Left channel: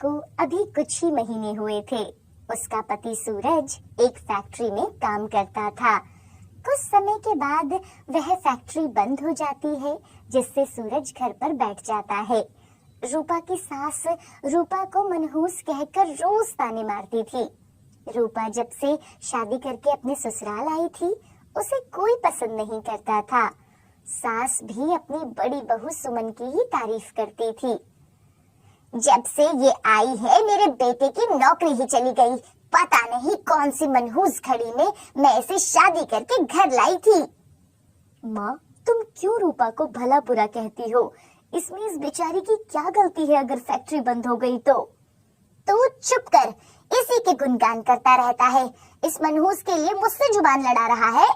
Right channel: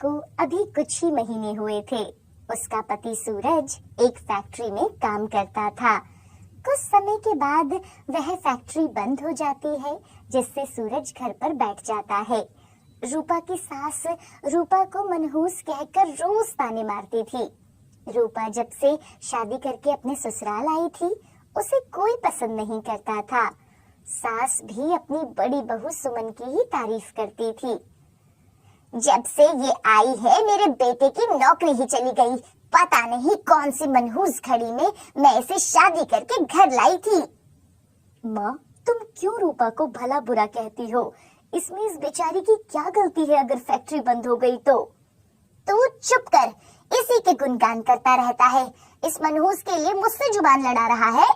को अभी कुछ ही महीने हुए थे। उसका पति सूरज एक फैक्ट्री में काम करता था। कुछ समय के बाद वह फैक्ट्री बंद हो जाती है, जिससे सूरज घर पर बैठ जाता है। रूपा की सास रूपा को मनहूस कहकर रोज ताने मारती थी। रूपा जब से शादी करके अपने ससुराल आई थी, उसे कोई पसंद नहीं करता था। सास भी अपनी बड़ी बहू सुमन की ही तारीफ करती थी। जब से ये आई है, मेरे बेटे की नौकरी ही चली गई। पता नहीं कौन सी मनहूस घड़ी में मैं इसे शादी करके घर लाई थी। माँ, तुम क्यों रूपा को भला बुरा कहती हो? इसमें इस बेचारी की क्या गलती है अगर फैक्ट्री बंद हो गई तो? तू चुप कर, इसी के गुणगान करता रहता है। इस मनहूस के लिए मुझसे जुबान लड़ा रहा है।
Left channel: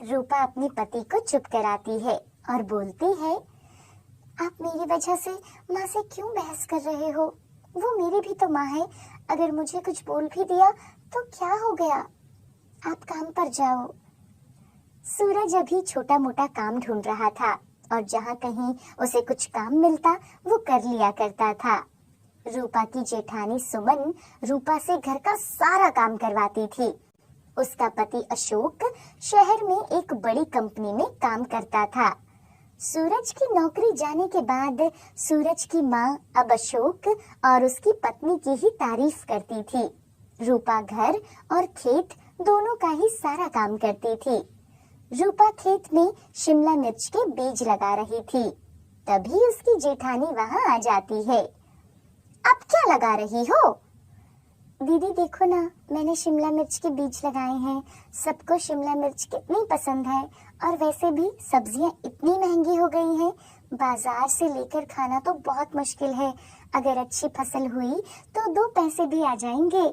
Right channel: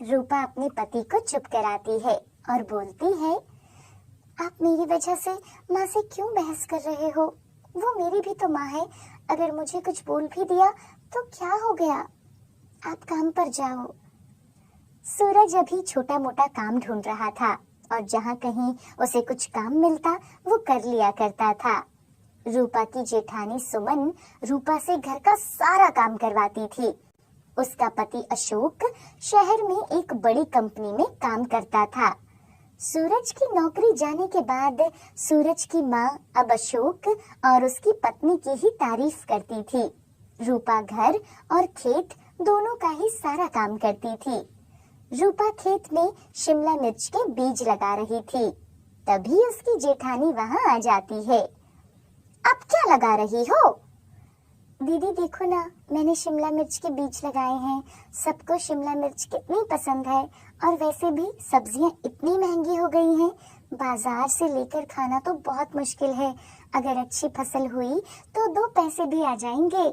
रूपा अपने पति को चुप कराती है और बोलती है, आप मेरी वजह से माँ से क्यों बहस कर रहे हो? वो मेरी भी तो माँ है। अगर मुझे कुछ बोल भी दिया तो क्या हो गया? आप काम पर जाओ। सूरज अभी छोटा मोटा काम ढूंढ रहा था और जहाँ कहीं उसे कुछ काम मिलता वो कर लिया करता था। रूपा की जेठानी सुमन रूपा से घर का सारा काम करवाती थी। उसका पति अशोक शहर में एक बड़ी कंपनी में काम करता था। सूरज की नौकरी जाने के बाद सूरज की माँ अब अशोक और उसकी पत्नी की ही तारीफ करती थी। रूपा घर और खेत दोनों का ही सारा काम करती थी। रूपा खेत में शिमला मिर्च के बीज लगा रही थी, तभी उसकी जेठानी वहाँ आ जाती है। अब क्या लगा रही हो? दीदी देखो ना, मैंने शिमला मिर्च के बीज लगाए हैं। सबको शिमला मिर्च कितनी पसंद है, और वैसे भी सब्जियां इतनी महंगी हो गई हैं, बाजार से लेकर खाना तो बहुत मुश्किल है। अगर अच्छी फसल हुई तो 2 पैसे भी आ जाएंगे।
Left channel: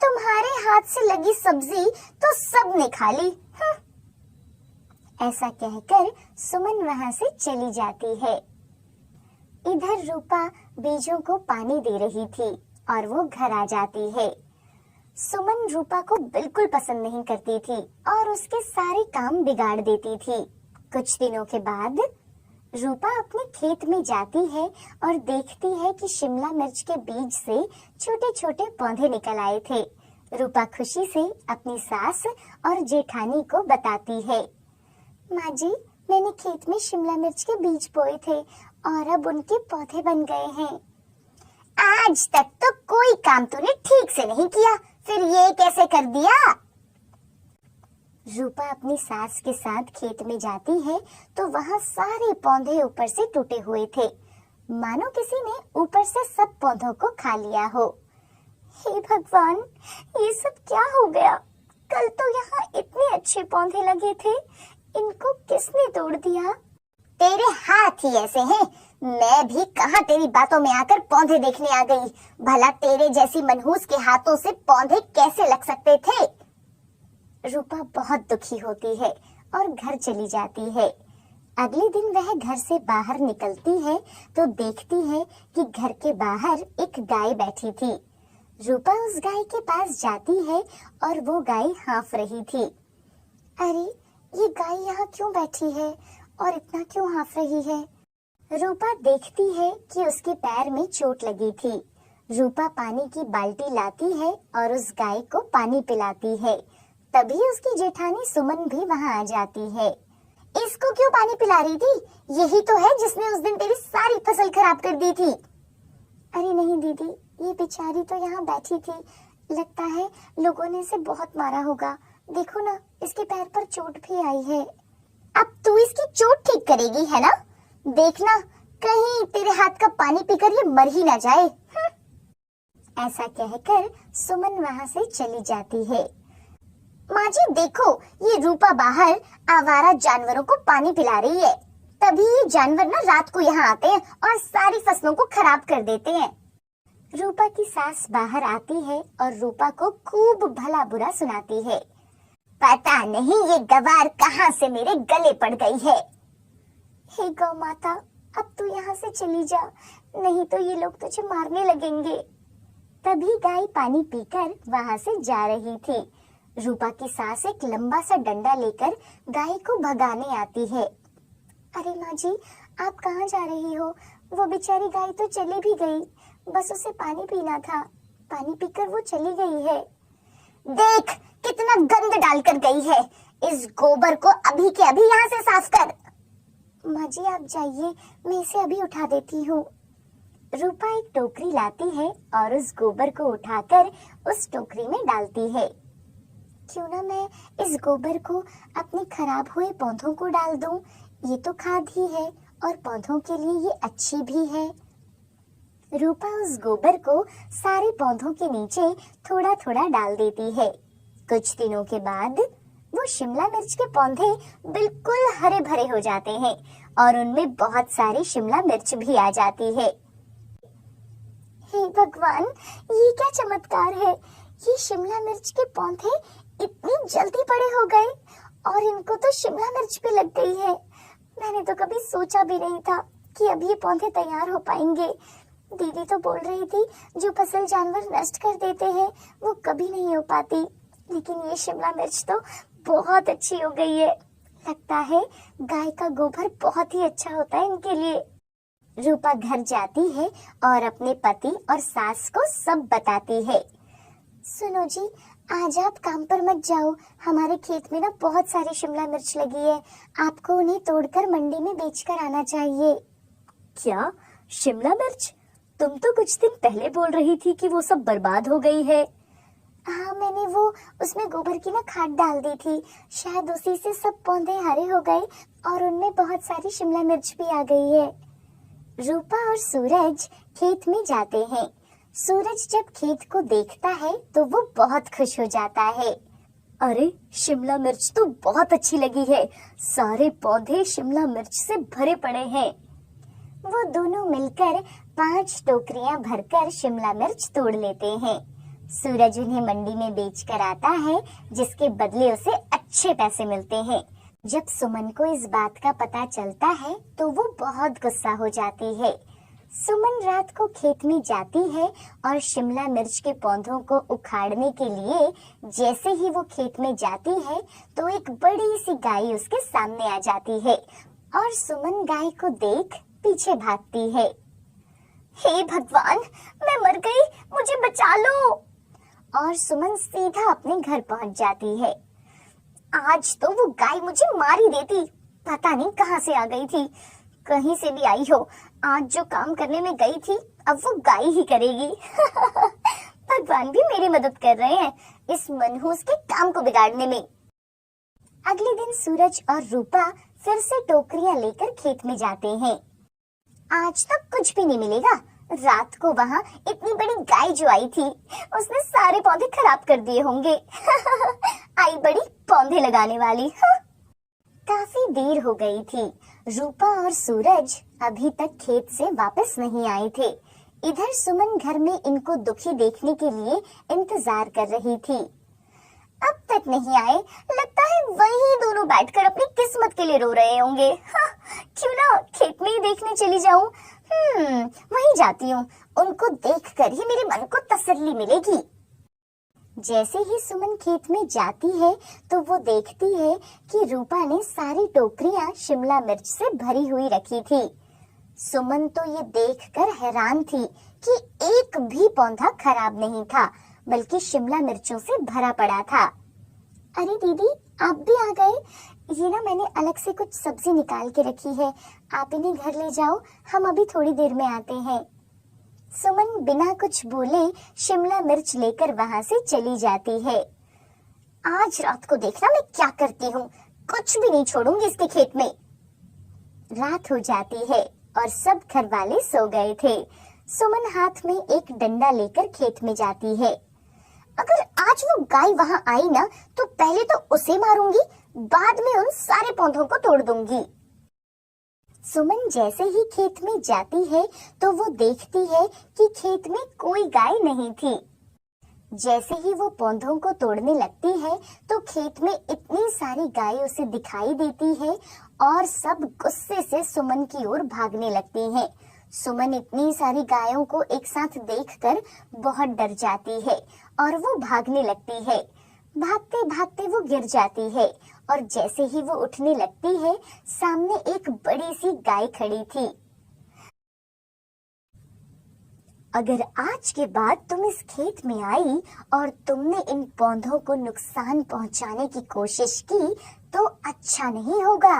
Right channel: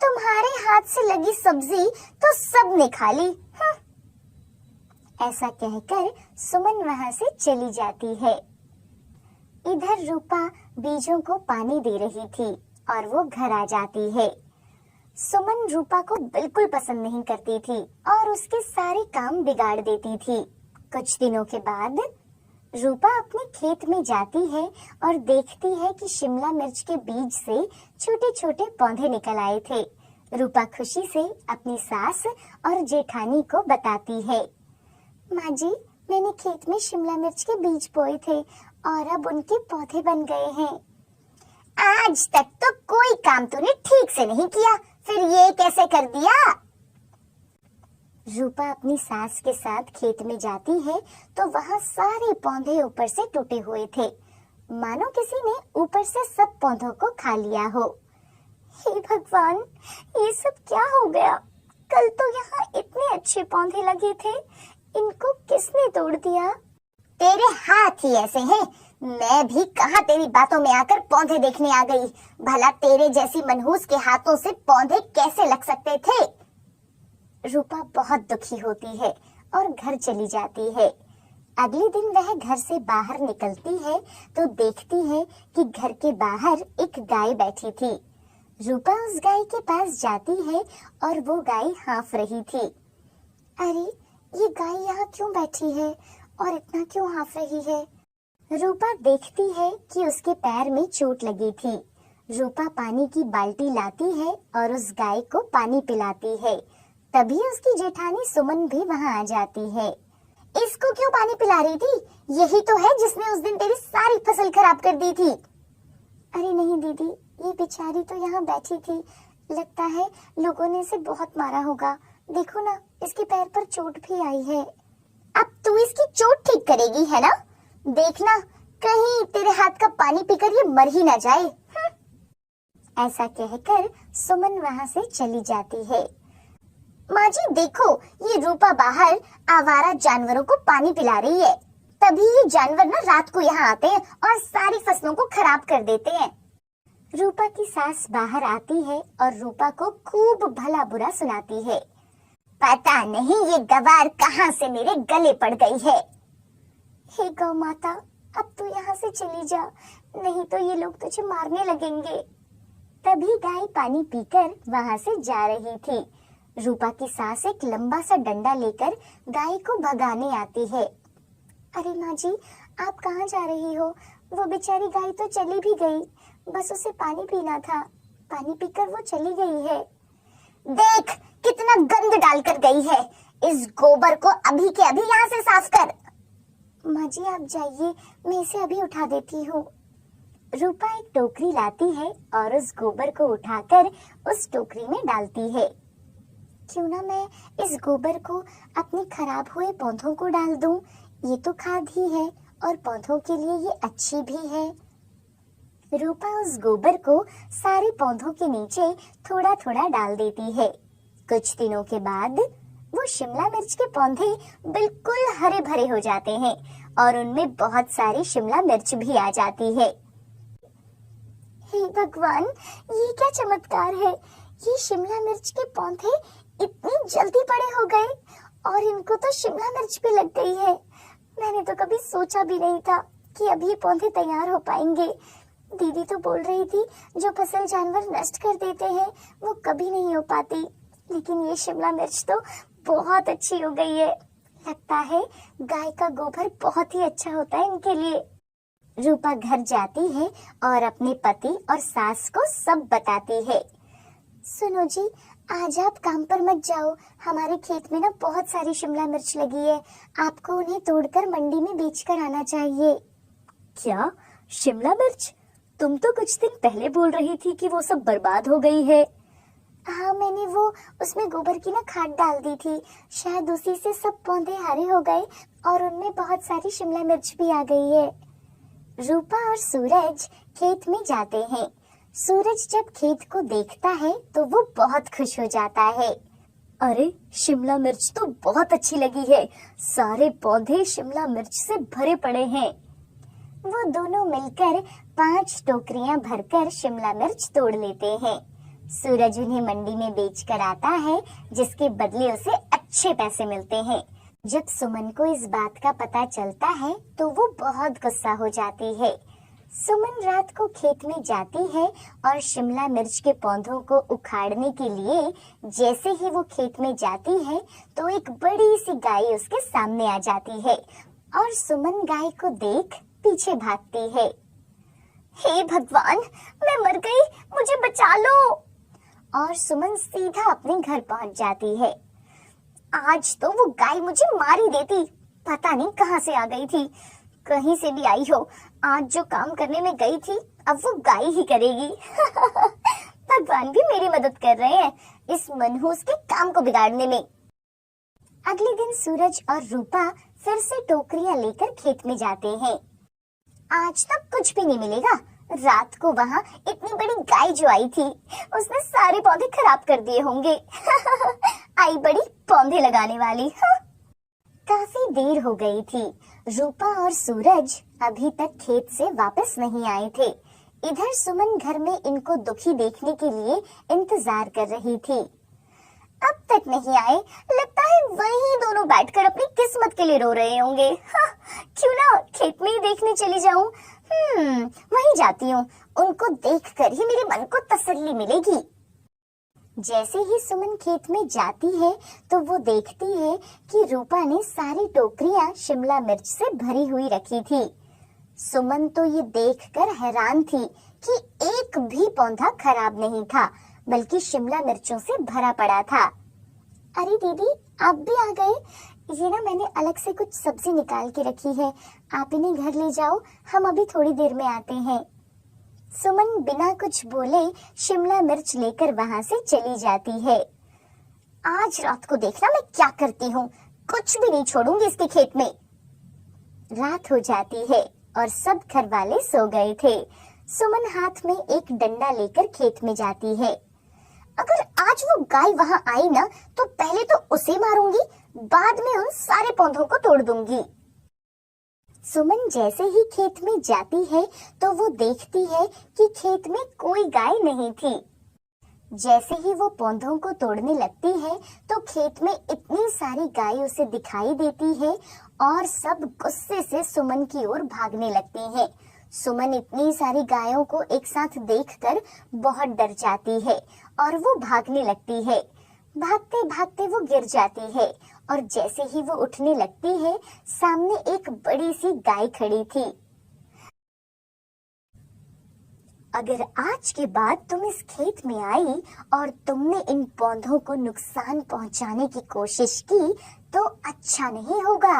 तुम्हारे हाथ से लगी सब्जी तो सबने खा ली। ऐसा कहकर सुमन वहां से चली जाती है। इधर रूपा बीजों को पानी दे रही थी और वो घर आ जाती है। सुमन रूपा को बिल्कुल पसंद नहीं करती थी और उसके सारे काम बिगाड़ देती थी। कुछ दिनों के बाद रूपा अपने खेत में जाती है और देखती है कि शिमला मिर्च के बीज से छोटे छोटे पौधे निकल आए थे। रूपा खुशी से अपनी सास और जेठानी को बताती है, माँ जी, मैंने खेत में शिमला मिर्च के बीज बोए थे और अब उनके पौधे बन गए हैं। आज तक तो कोई काम तूने ठीक से नहीं किया, फिर ये कैसे कर दिया? रूपा अपनी सास के साथ खेत में जाती है तो वहाँ सारे पौधे ऊपर से टूटे हुए थे, मानो किसी ने ऊपर से सब पौधों को खा लिया हो। हे भगवान, ये सब क्या हो गया? कल तो यहाँ इतने अच्छे पौधे लगे थे, इनको किसने तोड़ दिया? तेरे हाथ ही ऐसे हैं। मैं भी कहाँ तेरी बातों में आकर पौधे देखने आ गई। भला तेरे जैसी मनहूस के हाथों से पौधे कैसे लग सकते थे? रूपा बहुत दुखी होती है और घर चली जाती है। अगले दिन वह घर से बाहर निकलती है तो देखती है कि घर के बाहर एक गाय बैठी थी। रूपा उस गाय के पास जाती है और वो गाय हाँफ रही थी। अरे, ये गाय यहाँ क्यों बैठी है और इतना क्यों हाँफ रही है? रूपा देखती है कि उसके पैर में चोट लगी थी। रूपा पानी की बाल्टी लाती है और उस गाय को पानी पिलाती है। तभी उसकी जेठानी सुमन भी वहाँ आ जाती है। इसको क्यों पानी पिला रही थी? यही तो है जिसने उस दिन तेरी सारी फसल खराब कर दी थी। अरे नहीं दीदी, ये बेचारी तो यहाँ बैठी थी। लगता है लोगों ने इसे बहुत मारा होगा। देखो ना, इसके पैर पर चोट भी आई है। अब तू इसकी चोट ठीक करेगी है ना? देखना, कहीं तेरे हाथ का पानी पीकर ये मर ही ना जाए। ऐसा कहकर सुमन वहाँ से चली जाती है। माँ जी देखो, ये रूपा बाहर आवारा जानवरों को पानी पिला रही है। तभी ये जानवर ना रात को यहाँ आते हैं और सारी फसलों को खराब कर देते हैं। रूपा की सास बाहर आती है और रूपा को खूब भला बुरा सुनाती है। पता नहीं ये गवार कहाँ से मेरे गले पड़ गई है। हे गौ माता, अब तू यहाँ से चली जा, नहीं तो ये लोग तुझे मारने लगेंगे। तभी गाय पानी पीकर वहाँ से जा रही थी। रूपा की सास एक लंबा सा डंडा लेकर गाय को भगाने आती है। अरे माँ जी, आप कहाँ जा रही हो? वो बेचारी गाय तो चली भी गई। बस उसे पानी पीना था। पानी पीकर वो चली गई है। देख कितना गंद डालकर गई है। इस गोबर को अभी के अभी यहाँ से साफ कर। माँ जी आप जाइए, मैं इसे अभी उठा देती हूँ। रूपा एक टोकरी लाती है और उस गोबर को उठाकर उस टोकरी में डालती है। क्यों ना मैं इस गोबर को अपने खराब हुए पौधों को डाल दूं? ये तो खाद ही है और पौधों के लिए ये अच्छी भी है। रूपा उस गोबर को सारे पौधों के नीचे थोड़ा थोड़ा डाल देती है। कुछ दिनों के बाद वो शिमला मिर्च के पौधे बिल्कुल हरे भरे हो जाते हैं और उनमें बहुत सारी शिमला मिर्च भी आ जाती है। हे भगवान, ये क्या चमत्कार है। ये शिमला मिर्च के पौधे इतनी जल्दी बड़े हो गए और इनको तो शिमला मिर्च भी लग गई है। मैंने तो कभी सोचा भी नहीं था कि अब ये पौधे तैयार हो पाएंगे। दीदी तो बोल रही थी जो फसल जानवर नष्ट कर देते हैं वो कभी नहीं हो पाती, लेकिन ये शिमला मिर्च तो बहुत अच्छी हो गई है। लगता है गाय का गोबर बहुत ही अच्छा होता है इनके लिए। रूपा घर जाती है और अपने पति और सास को सब बताती है। सुनो जी, आज आप काम पर मत जाओ। हमारे खेत में ना बहुत सारी शिमला मिर्च लगी है। आपको उन्हें तोड़कर मंडी में बेचकर आना चाहिए। क्या? शिमला मिर्च? तुम तो कुछ दिन पहले बोल रही थी कि वो सब बर्बाद हो गई है। हाँ, मैंने वो उसमें गोबर की ना खाद डाल दी थी। शायद उसी से सब पौधे हरे हो गए और उनमें बहुत सारी शिमला मिर्च भी आ गई है। रूपा और सूरज खेत में जाते हैं। सूरज जब खेत को देखता है तो वो बहुत खुश हो जाता है। अरे, शिमला मिर्च तो बहुत अच्छी लगी है। सारे पौधे शिमला मिर्च से भरे पड़े हैं। वो दोनों मिलकर 5 टोकरियां भरकर शिमला मिर्च तोड़ लेते हैं। सूरज उन्हें मंडी में बेचकर आता है, जिसके बदले उसे अच्छे पैसे मिलते हैं। जब सुमन को इस बात का पता चलता है तो वो बहुत गुस्सा हो जाती है। सुमन रात को खेत में जाती है और शिमला मिर्च के पौधों को उखाड़ने के लिए जैसे ही वो खेत में जाती है तो एक बड़ी सी गाय उसके सामने आ जाती है और सुमन गाय को देख पीछे भागती है। हे भगवान, मैं मर गई, मुझे बचा लो। और सुमन सीधा अपने घर पहुंच जाती है। आज तो वो गाय मुझे मार ही देती, पता नहीं कहां से आ गई थी। कहीं से भी आई हो, आज जो काम करने में गई थी अब वो गाय ही करेगी। भगवान भी मेरी मदद कर रहे हैं इस मनहूस के काम को बिगाड़ने में। अगले दिन सूरज और रूपा फिर से टोकरियां लेकर खेत में जाते हैं। आज तक कुछ भी नहीं मिलेगा। रात को वहाँ इतनी बड़ी गाय जो आई थी उसने सारे पौधे खराब कर दिए होंगे। आई बड़ी पौधे लगाने वाली। काफी देर हो गई थी। रूपा और सूरज अभी तक खेत से वापस नहीं आए थे। इधर सुमन घर में इनको दुखी देखने के लिए इंतजार कर रही थी। अब तक नहीं आए, लगता है वही दोनों बैठकर अपनी किस्मत के लिए रो रहे होंगे। क्यों ना खेत में ही देखने चली जाऊं। वहीं जाती हूँ, उनको देखकर ही मेरे मन को तसल्ली मिलेगी। जैसे ही सुमन खेत में जाती है तो वो देखती है कि रूपा ने सारी टोकरियां शिमला मिर्च से भरी हुई रखी थी। सुमन तो ये देखकर हैरान थी कि एक भी पौधा खराब नहीं था, बल्कि शिमला मिर्चों से भरा पड़ा था। अरे दीदी, आप भी आ गए। ये ना मैंने अलग से कुछ सब्जी निकाल के रखी है, आप इन्हें घर ले जाओ, हम अभी थोड़ी देर में आते हैं। सुमन बिना कुछ बोले शिमला मिर्च लेकर वहां से चली जाती है। आज रात को देखना मैं क्या करती हूँ, कुछ भी नहीं छोड़ूंगी इसके खेत में। रात हो जाती है और सब घर वाले सो गए थे। सुमन हाथ में एक डंडा लेकर खेत में जाती है। अगर आज वो गाय वहां आई ना तो पहले तो उसे मारूंगी, बाद में उन सारे पौधों को तोड़ दूंगी। सुमन जैसे ही खेत में जाती है तो वो देखती है कि खेत में कोई गाय नहीं थी। जैसे ही वो पौधों को तोड़ने लगती है तो खेत में इतनी सारी गाय उसे दिखाई देती है और सब गुस्से से सुमन की ओर भागने लगती हैं। सुमन इतनी सारी गायों को एक साथ देखकर बहुत डर जाती है और वो भागने लगती है। भागते भागते वो गिर जाती है और जैसे ही वो उठने लगती है सामने एक बड़ी सी गाय खड़ी थी। अगर आज के बाद तुम इस खेत में आई और तुमने इन पौधों को नुकसान पहुंचाने की कोशिश की तो अच्छा नहीं होगा।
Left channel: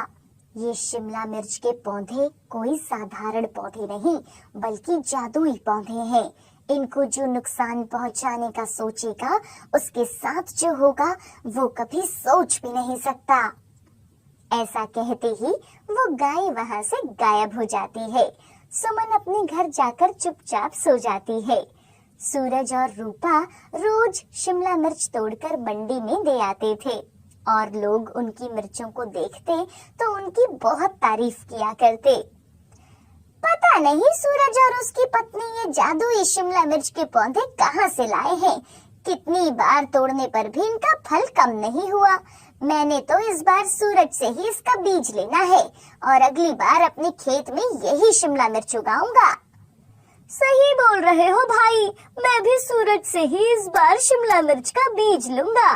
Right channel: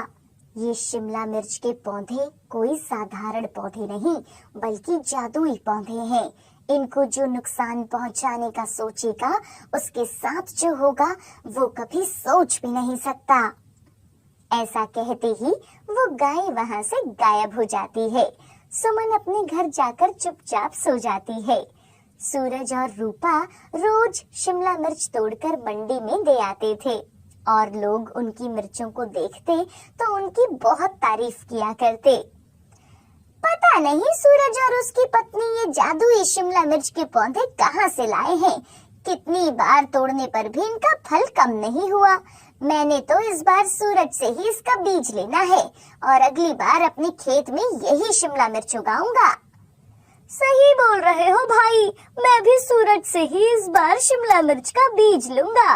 ये शिमला मिर्च के पौधे कोई साधारण पौधे नहीं बल्कि जादुई पौधे हैं। इनको जो नुकसान पहुंचाने का सोचेगा उसके साथ जो होगा वो कभी सोच भी नहीं सकता। ऐसा कहते ही वो गाय वहां से गायब हो जाती है। सुमन अपने घर जाकर चुपचाप सो जाती है। सूरज और रूपा रोज शिमला मिर्च तोड़कर मंडी में दे आते थे और लोग उनकी मिर्चों को देखते तो उनकी बहुत तारीफ किया करते। पता नहीं सूरज और उसकी पत्नी ये जादुई शिमला मिर्च के पौधे कहाँ से लाए हैं। कितनी बार तोड़ने पर भी इनका फल कम नहीं हुआ। मैंने तो इस बार सूरज से ही इसका बीज लेना है और अगली बार अपने खेत में यही शिमला मिर्च उगाऊंगा। सही बोल रहे हो भाई, मैं भी सूरज से ही इस बार शिमला मिर्च का बीज लूंगा।